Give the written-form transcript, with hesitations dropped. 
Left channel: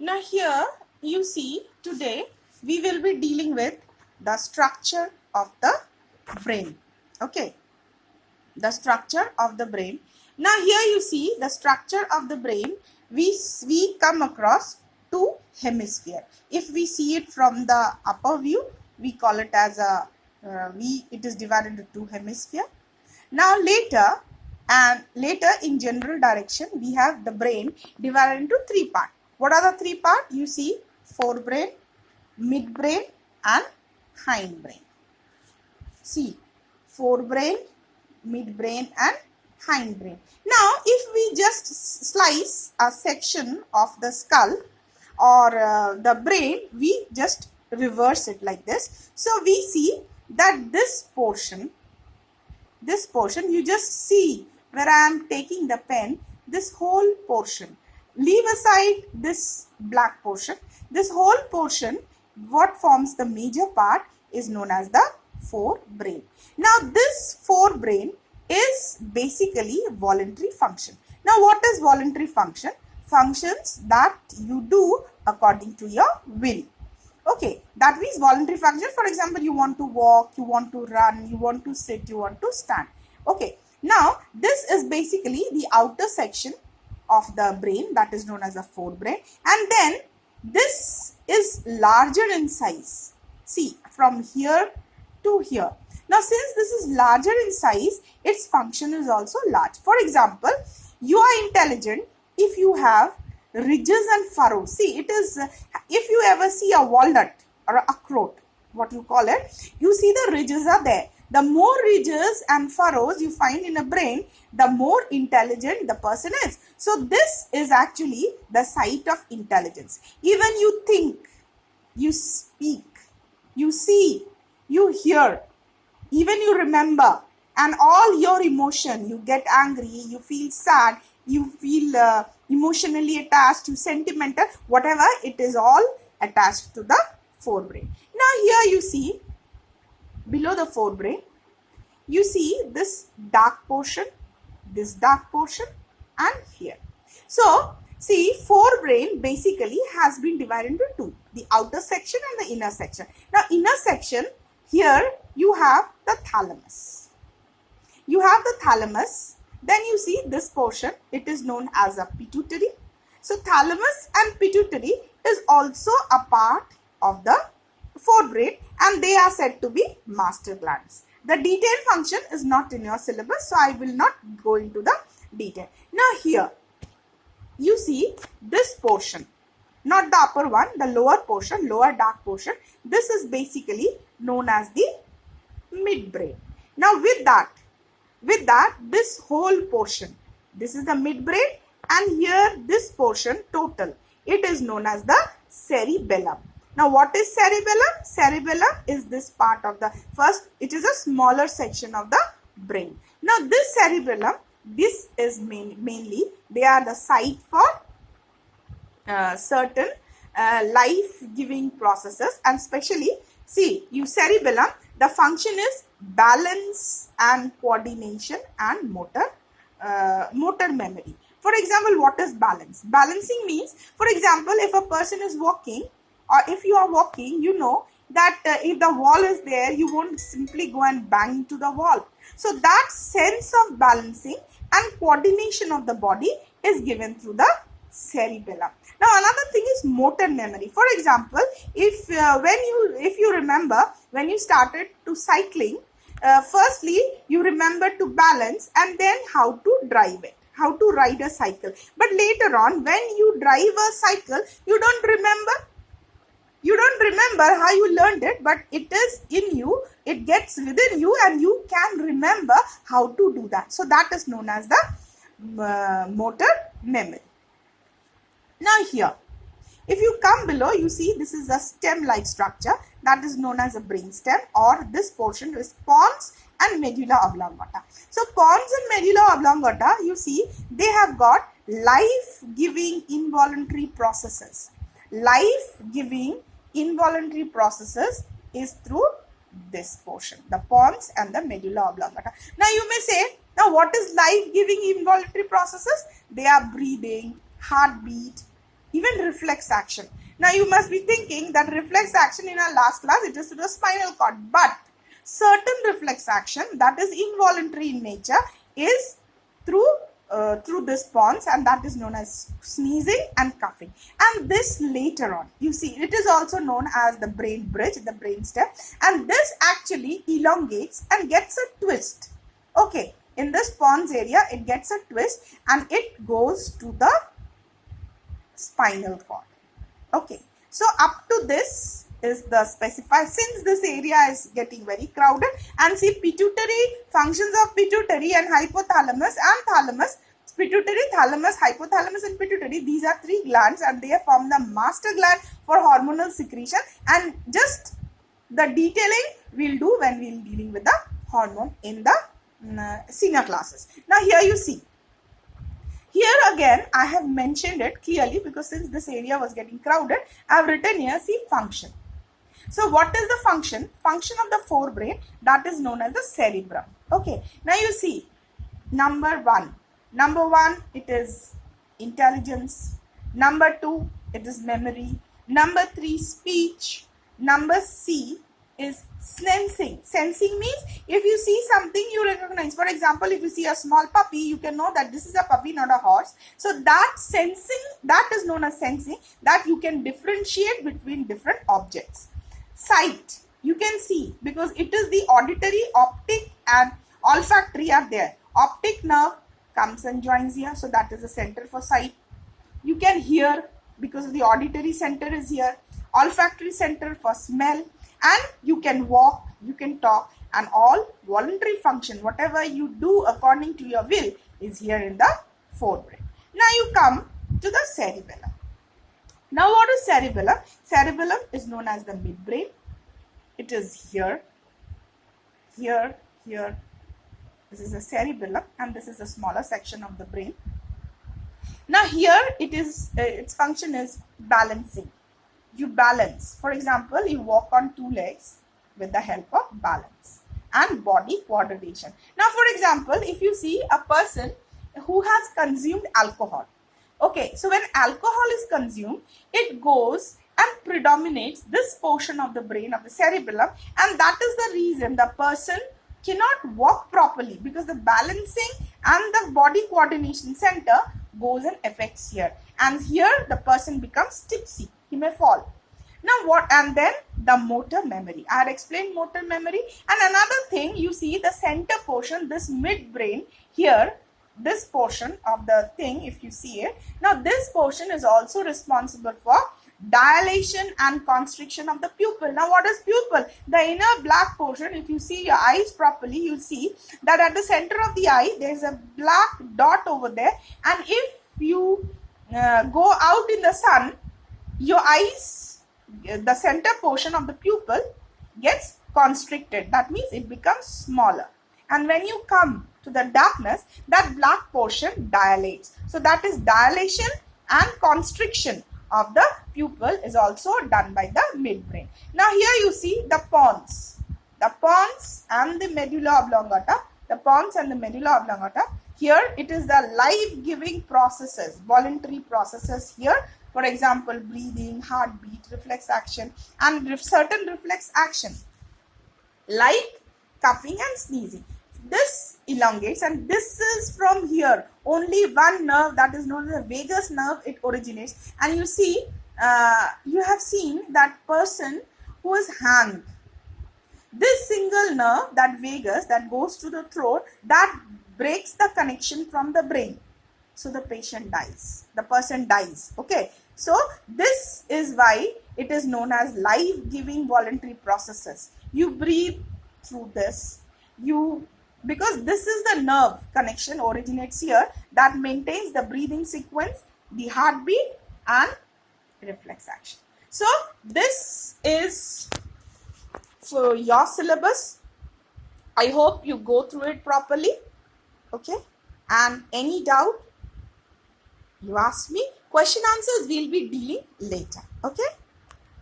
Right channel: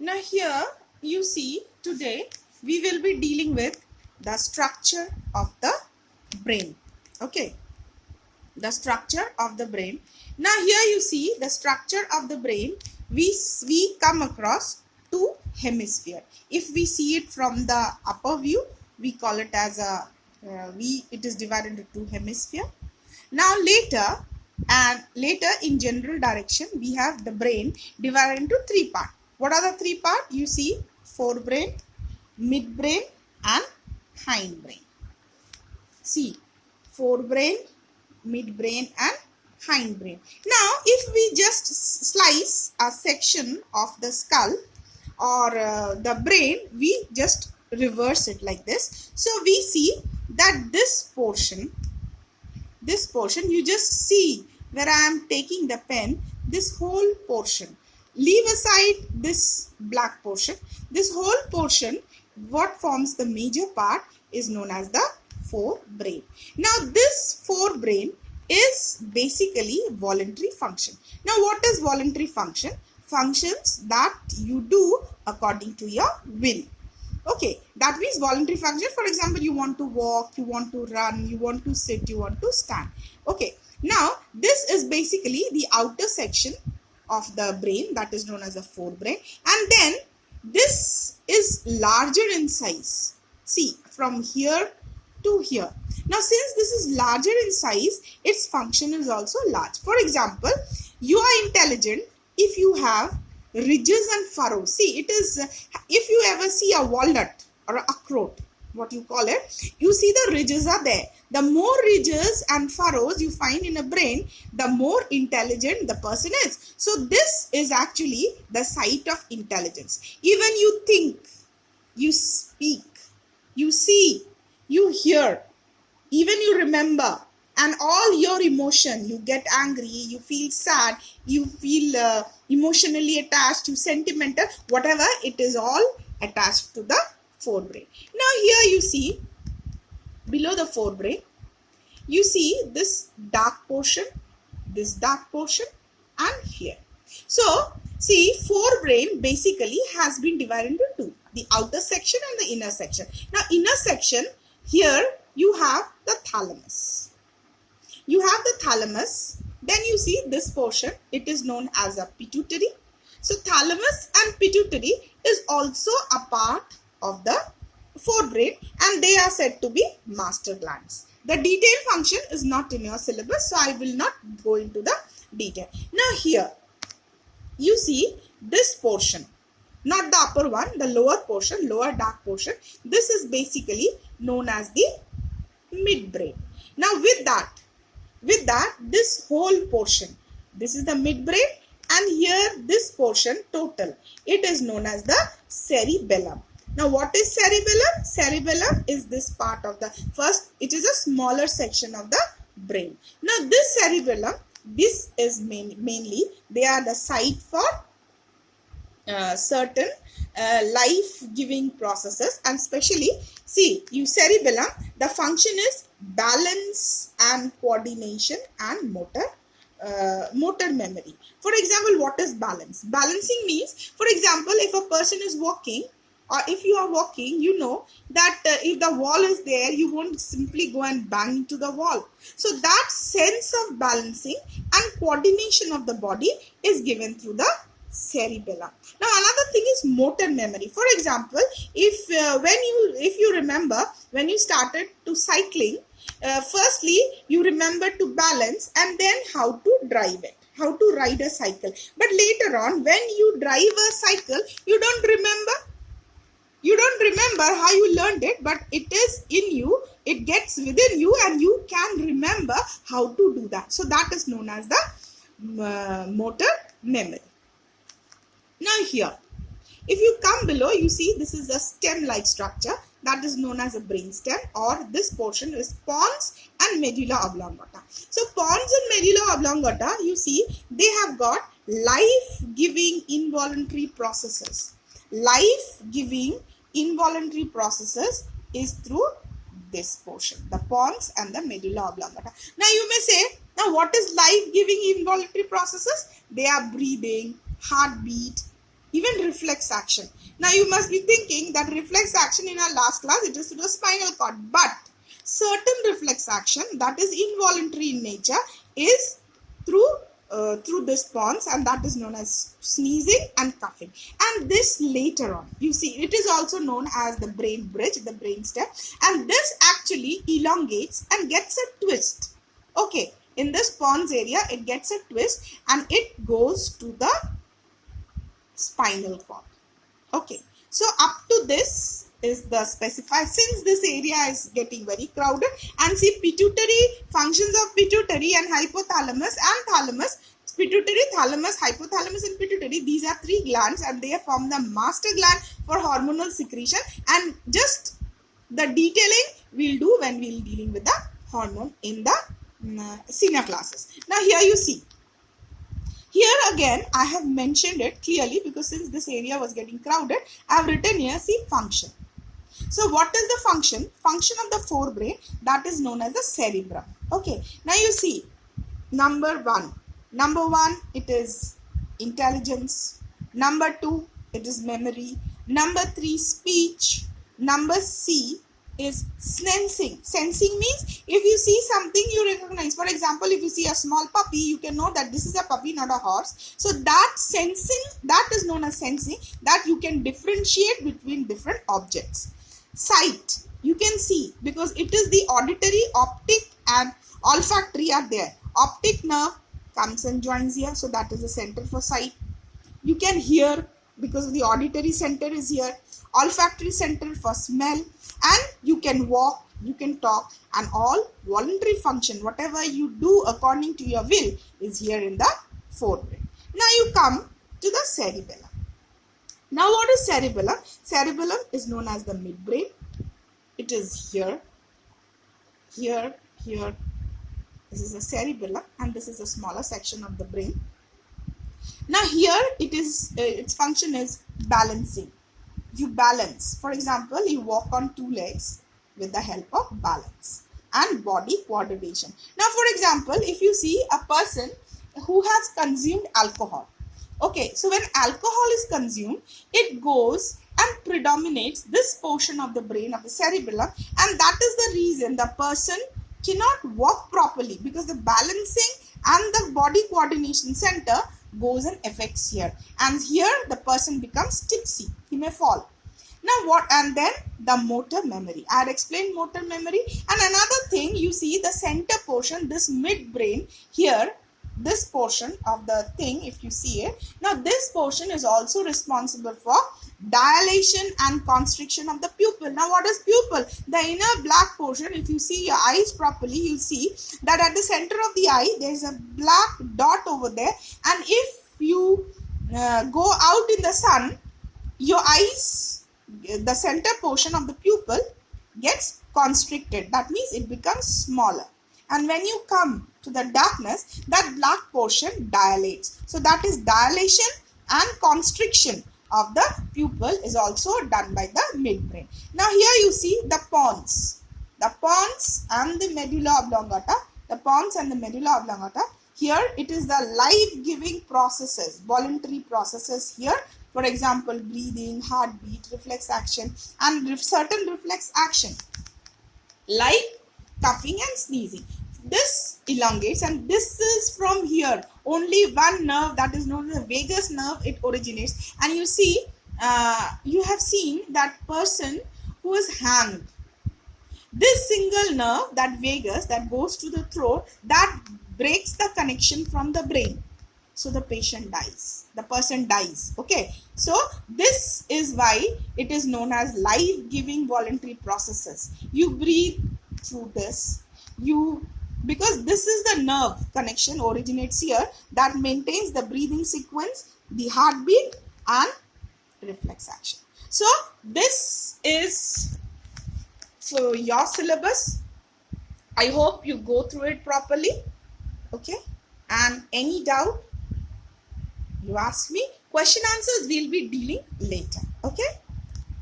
Now here you see today we will be dealing with the structure of the brain. Okay, the structure of the brain. Now here you see the structure of the brain. We come across two hemisphere. If we see it from the upper view, we call it as a it is divided into two hemisphere. Now later in general direction, we have the brain divided into three parts. What are the three parts? You see forebrain, midbrain and hindbrain. See, forebrain, midbrain and hindbrain. Now if we just slice a section of the skull or the brain, we just reverse it like this. So we see that this portion you just see where I am taking the pen, this whole portion, leave aside this black portion, this whole portion, what forms the major part is known as the forebrain. Now this forebrain is basically voluntary function. Now what is voluntary function? Functions that you do according to your will. Okay, that means voluntary function. For example, you want to walk, you want to run, you want to sit, you want to stand. Okay, now this is basically the outer section of the brain, that is known as a forebrain, and then this is larger in size. See, from here to here. Now since this is larger in size, its function is also large. For example, you are intelligent if you have ridges and furrows. See, it is, if you ever see a walnut or a akhrout, what you call it, you see the ridges are there. The more ridges and furrows you find in a brain, the more intelligent the person is. So this is actually the site of intelligence. Even you think, you speak, you see, you hear, even you remember, and all your emotion, you get angry, you feel sad, you feel emotionally attached, you sentimental, whatever, it is all attached to the forebrain. Now here you see, below the forebrain, you see this dark portion, and here. So see, forebrain basically has been divided into two, the outer section and the inner section. Now inner section, here you have the thalamus. You have the thalamus, then you see this portion, it is known as a pituitary. So thalamus and pituitary is also a part of the forebrain, and they are said to be master glands. The detailed function is not in your syllabus, so I will not go into the detail. Now here you see this portion, not the upper one, the lower portion, lower dark portion. This is basically known as the midbrain. Now with that, this whole portion, this is the midbrain, and here this portion total, it is known as the cerebellum. Now what is cerebellum? Cerebellum is this part of the first, it is a smaller section of the brain. Now this cerebellum, this is mainly, they are the site for certain life-giving processes, and especially, see, you cerebellum, the function is balance and coordination and motor memory. For example, what is balance? Balancing means, for example, if a person is walking, or if you are walking, you know that if the wall is there, you won't simply go and bang into the wall. So that sense of balancing and coordination of the body is given through the cerebellum. Now another thing is motor memory. For example, if you remember when you started to cycling, firstly you remember to balance and then how to drive it, how to ride a cycle. But later on, when you drive a cycle, you don't remember how you learned it, but it is in you, it gets within you, and you can remember how to do that. So that is known as the motor memory. Now here, if you come below, you see this is a stem-like structure that is known as a brainstem, or this portion is pons and medulla oblongata. So pons and medulla oblongata, you see, they have got life-giving involuntary processes. Life-giving involuntary processes is through this portion, the pons and the medulla oblongata. Now you may say, now what is life-giving involuntary processes? They are breathing, heartbeat, even reflex action. Now you must be thinking that reflex action in our last class, it is to the spinal cord, but certain reflex action that is involuntary in nature is through this pons, and that is known as sneezing and coughing. And this later on, you see, it is also known as the brain bridge, the brain stem, and this actually elongates and gets a twist. Okay, in this pons area, it gets a twist and it goes to the spinal cord. Okay, so up to this is the specified. Since this area is getting very crowded, and see, pituitary, functions of pituitary and hypothalamus and thalamus, pituitary, thalamus, hypothalamus and pituitary, these are three glands and they form the master gland for hormonal secretion, and just the detailing we'll do when we'll dealing with the hormone in the senior classes. Now here you see, here again I have mentioned it clearly because since this area was getting crowded, I have written here, see, function. So what is the function? Function of the forebrain, that is known as the cerebrum. Okay, now you see, number one, it is intelligence. Number two, it is memory. Number three, speech. Number C is sensing. Sensing means if you see something you recognize. For example, if you see a small puppy, you can know that this is a puppy, not a horse. So that sensing, that is known as sensing, that you can differentiate between different objects. Sight, you can see because it is the auditory, optic and olfactory are there. Optic nerve comes and joins here, so that is the center for sight. You can hear because the auditory center is here. Olfactory center for smell, and you can walk, you can talk, and all voluntary function, whatever you do according to your will, is here in the forebrain. Now you come to the cerebellum. Now what is cerebellum? Cerebellum is known as the midbrain. It is here, here, here. This is the cerebellum and this is the smaller section of the brain. Now here it is, its function is balancing. You balance. For example, you walk on two legs with the help of balance, and body coordination. Now for example, if you see a person who has consumed alcohol. Okay, so when alcohol is consumed, it goes and predominates this portion of the brain of the cerebellum, and that is the reason the person cannot walk properly because the balancing and the body coordination center goes and affects here, and here the person becomes tipsy, he may fall. Now what, and then the motor memory. I had explained motor memory. And another thing, you see the center portion, this midbrain here, this portion of the thing, if you see it, now this portion is also responsible for dilation and constriction of the pupil. Now what is pupil? The inner black portion. If you see your eyes properly, you see that at the center of the eye there is a black dot over there, and if you go out in the sun, your eyes, the center portion of the pupil gets constricted. That means it becomes smaller, and when you come to the darkness, that black portion dilates. So that is dilation and constriction of the pupil is also done by the midbrain. Now here you see the pons and the medulla oblongata. The pons and the medulla oblongata. Here it is the life-giving processes, voluntary processes here. For example, breathing, heartbeat, reflex action, and certain reflex action like coughing and sneezing. This elongates, and this is from here. Only one nerve, that is known as the vagus nerve, it originates. And you see, you have seen that person who is hanged. This single nerve, that vagus, that goes to the throat, that breaks the connection from the brain. So the patient dies. The person dies. Okay. So this is why it is known as life-giving voluntary processes. You breathe through this. Because this is the nerve connection originates here that maintains the breathing sequence, the heartbeat and reflex action. So this is for your syllabus. I hope you go through it properly. Okay. And any doubt, you ask me. Question answers we'll be dealing later. Okay.